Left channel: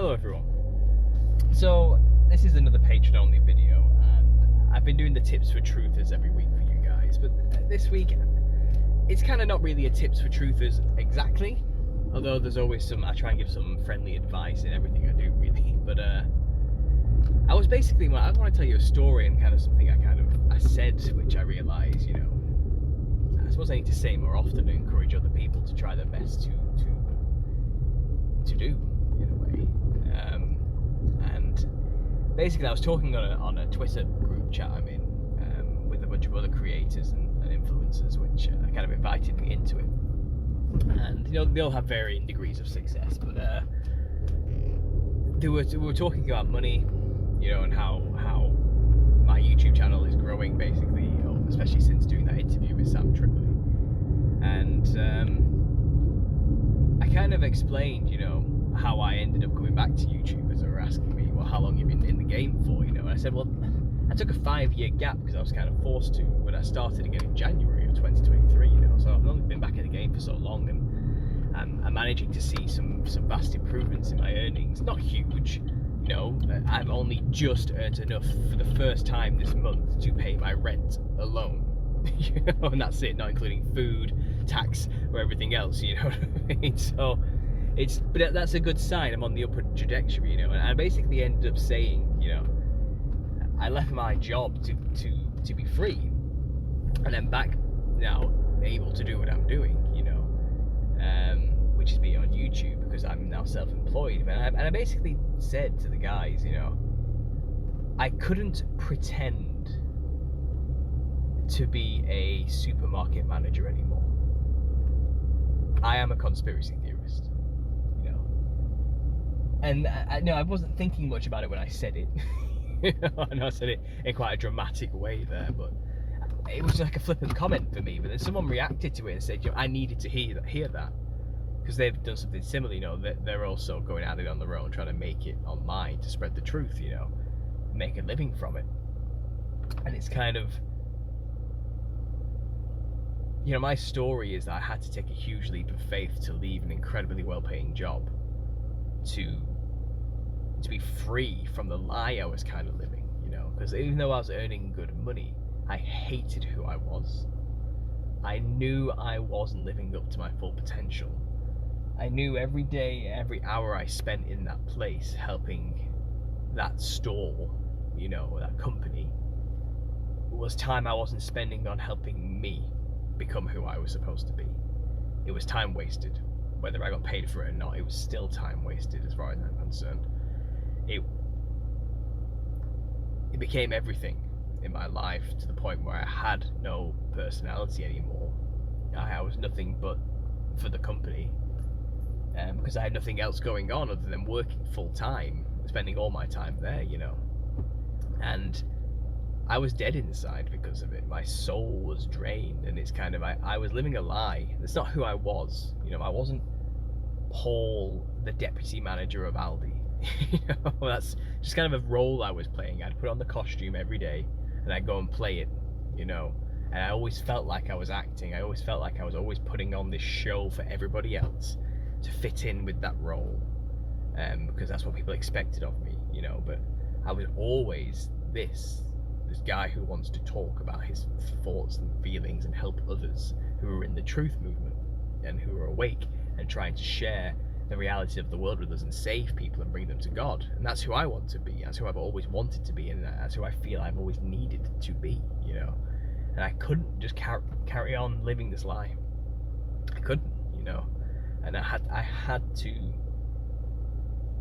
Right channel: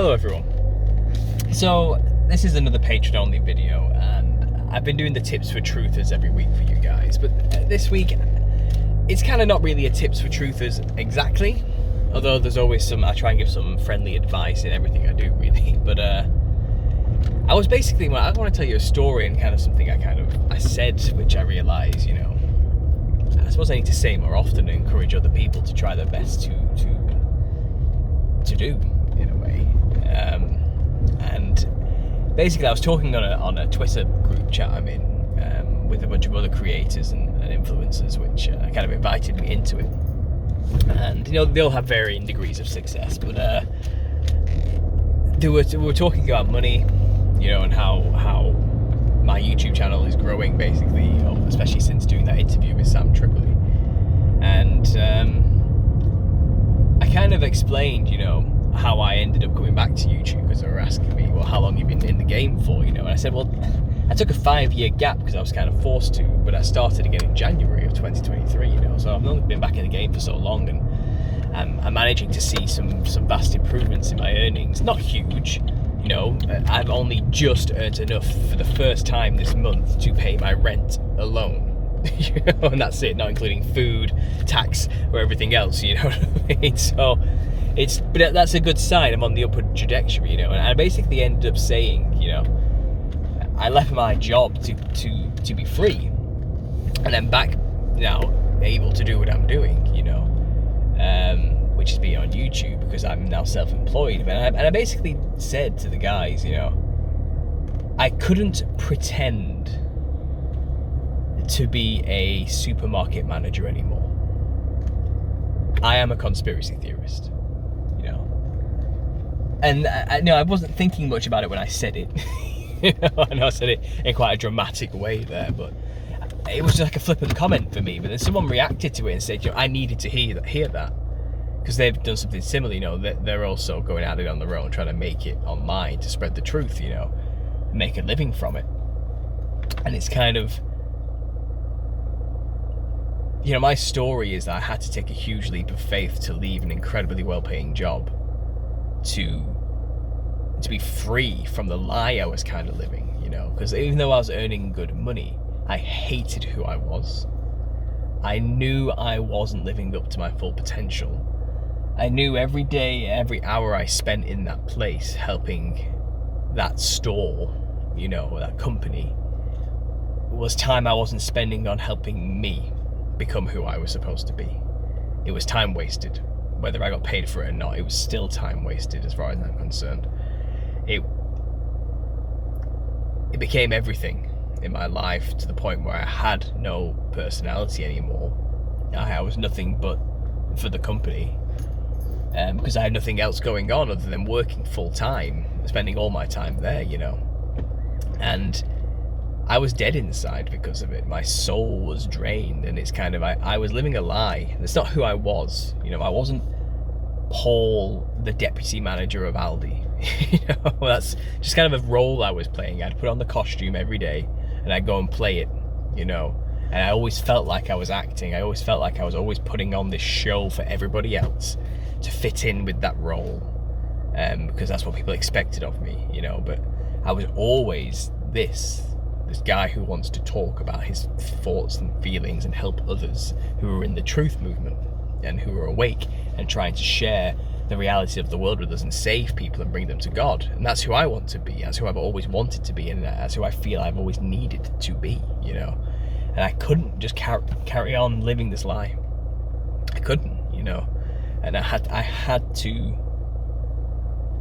Hello everyone. So this is another Patreon only video, and I've been doing the tips for truthers every week for you guys, but this week it's kind of not really a tips for truthers exactly, although there's always some, I try and give some friendly advice in everything I do really. But I was basically, well, I want to tell you a story and kind of something I said, which I realise, I suppose I need to say more often and encourage other people to try their best to do, in a way. And basically I was talking on a Twitter group chat I'm in with a bunch of other creators and influencers, which kind of invited me into it. And they all have varying degrees of success, but we were talking about money, and how my YouTube channel is growing, basically, especially since doing that interview with Sam Tripoli. And I kind of explained, how I ended up coming back to YouTube, because they were asking me, well, how long have you been in the game for, and I said, well, I took a 5-year gap because I was kind of forced to, but I started again in January of 2023, so I've only been back in the game for so long, and I'm managing to see some vast improvements in my earnings. Not huge, I've only just earned enough for the first time this month to pay my rent alone. And that's it, not including food, tax, or everything else, what I mean? So but that's a good sign. I'm on the upward trajectory, and I basically ended up saying, I left my job to be free, and I'm back now able to do what I'm doing, which is be on YouTube, because I'm now self-employed. And I basically said to the guys, I couldn't pretend to be a supermarket manager anymore. I am a conspiracy theorist, and I wasn't thinking much about it when I said it. I know I said it in quite a dramatic way there, but it was just like a flippant comment for me. But then someone reacted to it and said, I needed to hear that, because they've done something similar. They're also going at it on their own, trying to make it online to spread the truth, make a living from it. And it's kind of, my story is that I had to take a huge leap of faith to leave an incredibly well-paying job to be free from the lie I was kind of living, because even though I was earning good money, I hated who I was. I knew I wasn't living up to my full potential. I knew every day, every hour I spent in that place helping that store, that company, was time I wasn't spending on helping me become who I was supposed to be. It was time wasted. Whether I got paid for it or not, it was still time wasted as far as I'm concerned. It became everything in my life, to the point where I had no personality anymore. I was nothing but for the company, because I had nothing else going on other than working full time, spending all my time there, and I was dead inside because of it. My soul was drained, and it's kind of, I was living a lie. That's not who I was. I wasn't Paul, the deputy manager of Aldi. That's just kind of a role I was playing. I'd put on the costume every day and I'd go and play it, and I always felt like I was acting. I always felt like I was always putting on this show for everybody else to fit in with that role, because that's what people expected of me, but I was always this guy who wants to talk about his thoughts and feelings and help others who are in the truth movement and who are awake and trying to share the reality of the world with us and save people and bring them to God. And that's who I want to be. That's who I've always wanted to be, and that's who I feel I've always needed to be, And I couldn't just carry on living this lie. I couldn't, And I had to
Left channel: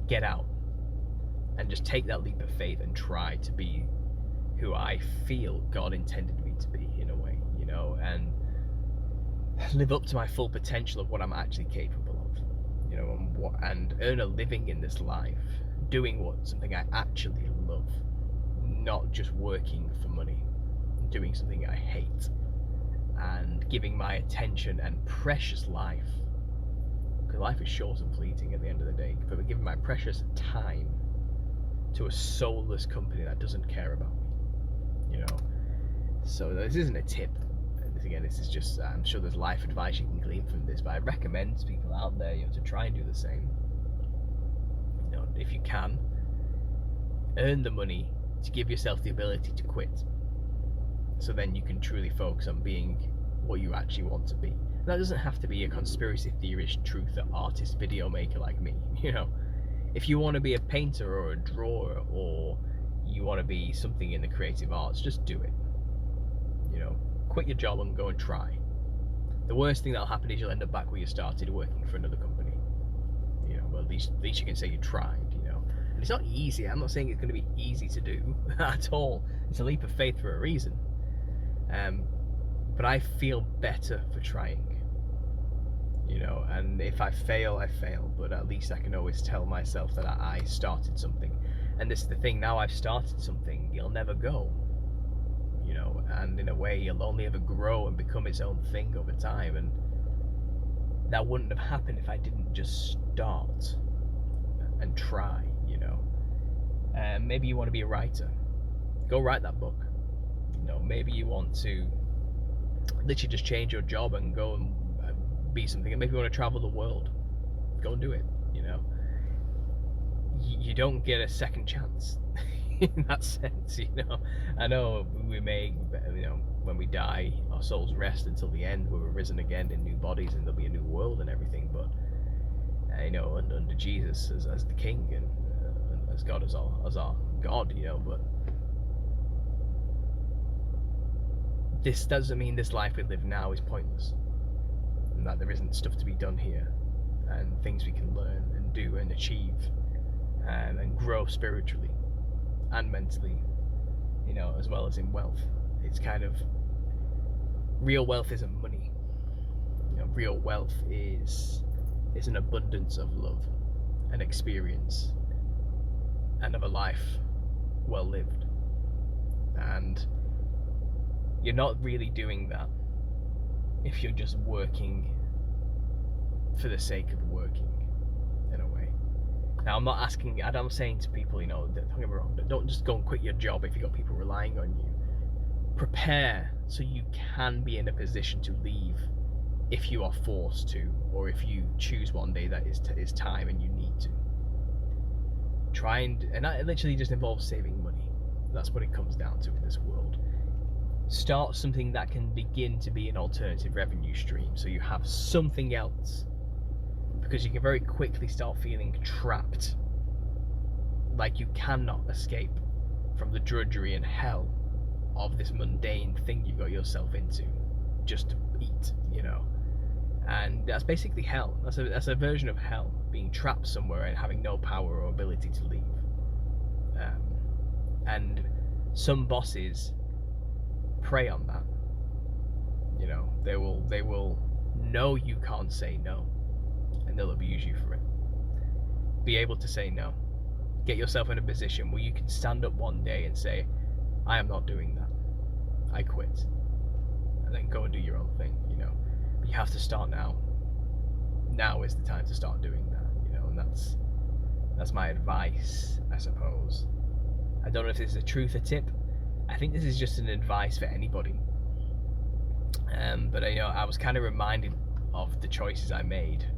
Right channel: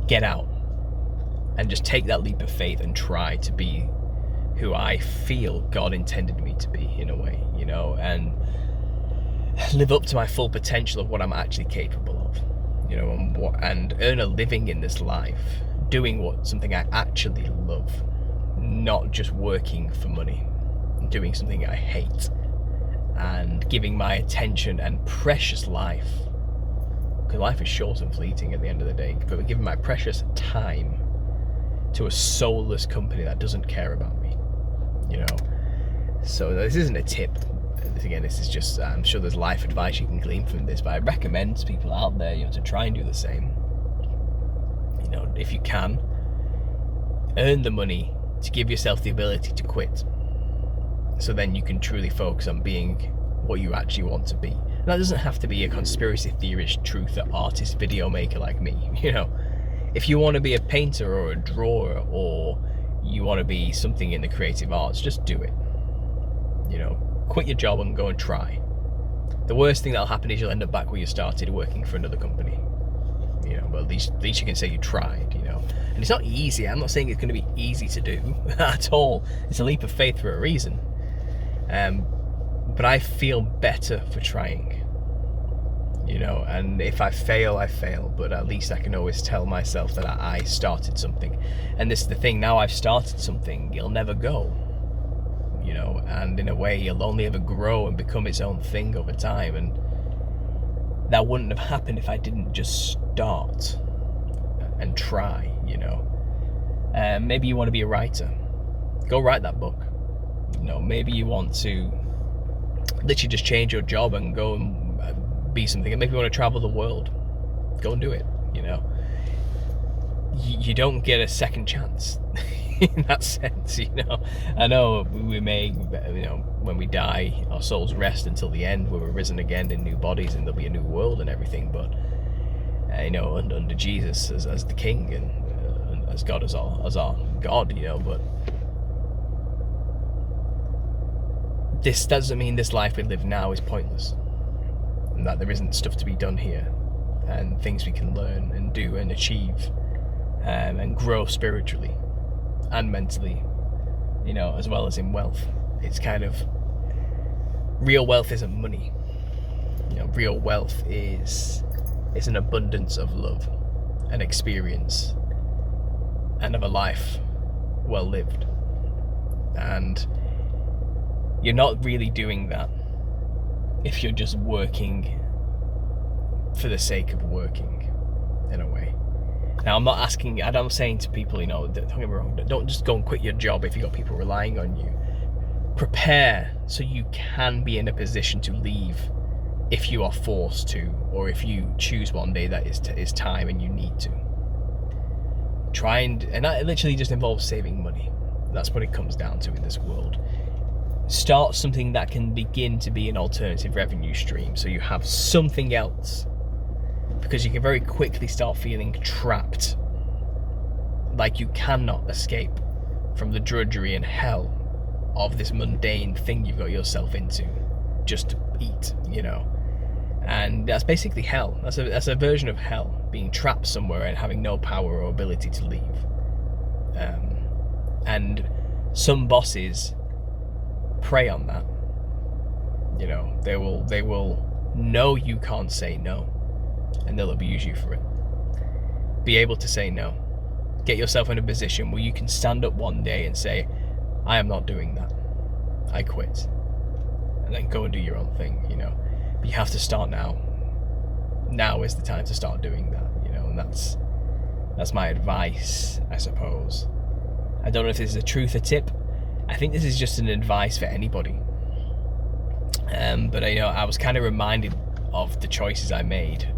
get out and just take that leap of faith and try to be who I feel God intended me to be, in a way, and live up to my full potential of what I'm actually capable of, and earn a living in this life, doing something I actually love, not just working for money, doing something I hate, and giving my attention and precious life, because life is short and fleeting at the end of the day, but giving my precious time to a soulless company that doesn't care about me, So this isn't a tip. Again, this is just, I'm sure there's life advice you can glean from this, but I recommend to people out there, to try and do the same. You know, if you can, earn the money to give yourself the ability to quit. So then you can truly focus on being what you actually want to be. And that doesn't have to be a conspiracy theorist, truther, artist, video maker like me. You know, if you want to be a painter or a drawer, or you want to be something in the creative arts, just do it. You know, quit your job and go and try. The worst thing that'll happen is you'll end up back where you started, working for another company. You know, but at least you can say you tried, you know. And it's not easy. I'm not saying it's going to be easy to do at all. It's a leap of faith for a reason. But I feel better for trying. You know, and if I fail, I fail. But at least I can always tell myself that I started something. And this is the thing, now I've started something, it'll never go. You know, and in a way, it'll only ever grow and become its own thing over time. And that wouldn't have happened if I didn't just start and try, you know. Maybe you want to be a writer. Go write that book. You know, maybe you want to literally just change your job and go and be something. And maybe you want to travel the world. Go and do it, you know. You don't get a second chance in that sense, you know. I know we may, you know, when we die, our souls rest until the end, where we're risen again in new bodies and there'll be a new world and everything. But, you know, under Jesus as the King and as God as our God, you know. But this doesn't mean this life we live now is pointless, and that there isn't stuff to be done here, and things we can learn and do and achieve, and grow spiritually and mentally, you know, as well as in wealth. It's kind of, real wealth isn't money. You know, real wealth is an abundance of love and experience and of a life well lived. And you're not really doing that if you're just working for the sake of working, in a way. Now, I'm saying to people, you know, don't get me wrong, don't just go and quit your job if you've got people relying on you. Prepare so you can be in a position to leave if you are forced to, or if you choose one day that is time and you need to. And that literally just involves saving money. That's what it comes down to in this world. Start something that can begin to be an alternative revenue stream, so you have something else, because you can very quickly start feeling trapped, like you cannot escape from the drudgery and hell of this mundane thing you've got yourself into just to eat, you know. And that's basically hell. That's a version of hell, being trapped somewhere and having no power or ability to leave. And some bosses prey on that. You know, they will know you can't say no, and they'll abuse you for it. Be able to say no. Get yourself in a position where you can stand up one day and say, I am not doing that. I quit. And then go and do your own thing, you know. But you have to start now. Now is the time to start doing that, you know, and that's my advice, I suppose. I don't know if this is a truth or tip. I think this is just an advice for anybody. But you know, I was kind of reminded of the choices I made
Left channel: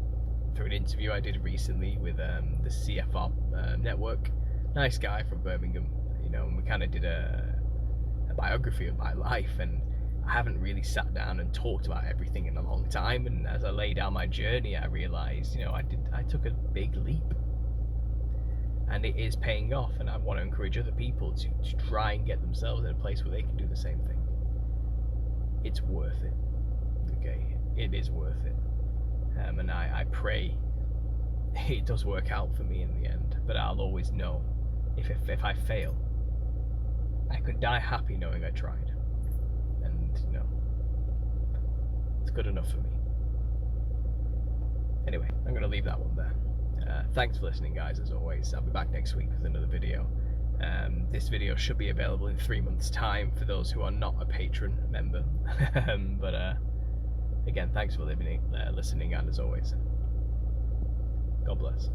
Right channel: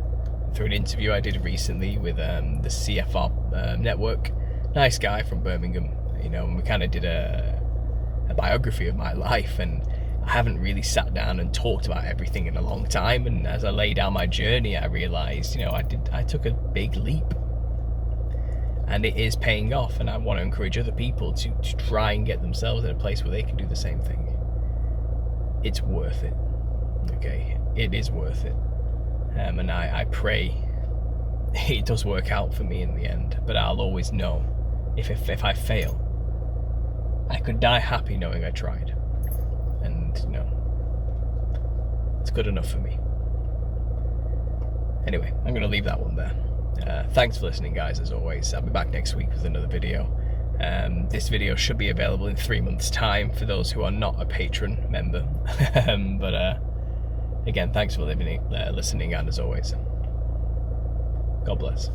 through an interview I did recently with the CFR network. Nice guy from Birmingham, you know, and we kind of did a biography of my life, and I haven't really sat down and talked about everything in a long time. And as I lay down my journey, I realized, you know, I took a big leap, and it is paying off. And I want to encourage other people to try and get themselves in a place where they can do the same thing. It's worth it. Okay, it is worth it. And I pray it does work out for me in the end. But I'll always know if I fail, I could die happy knowing I tried. And, you know, it's good enough for me. Anyway, I'm going to leave that one there. Thanks for listening, guys, as always. I'll be back next week with another video. This video should be available in 3 months' time for those who are not a patron member. But again, thanks for listening, and as always, God bless.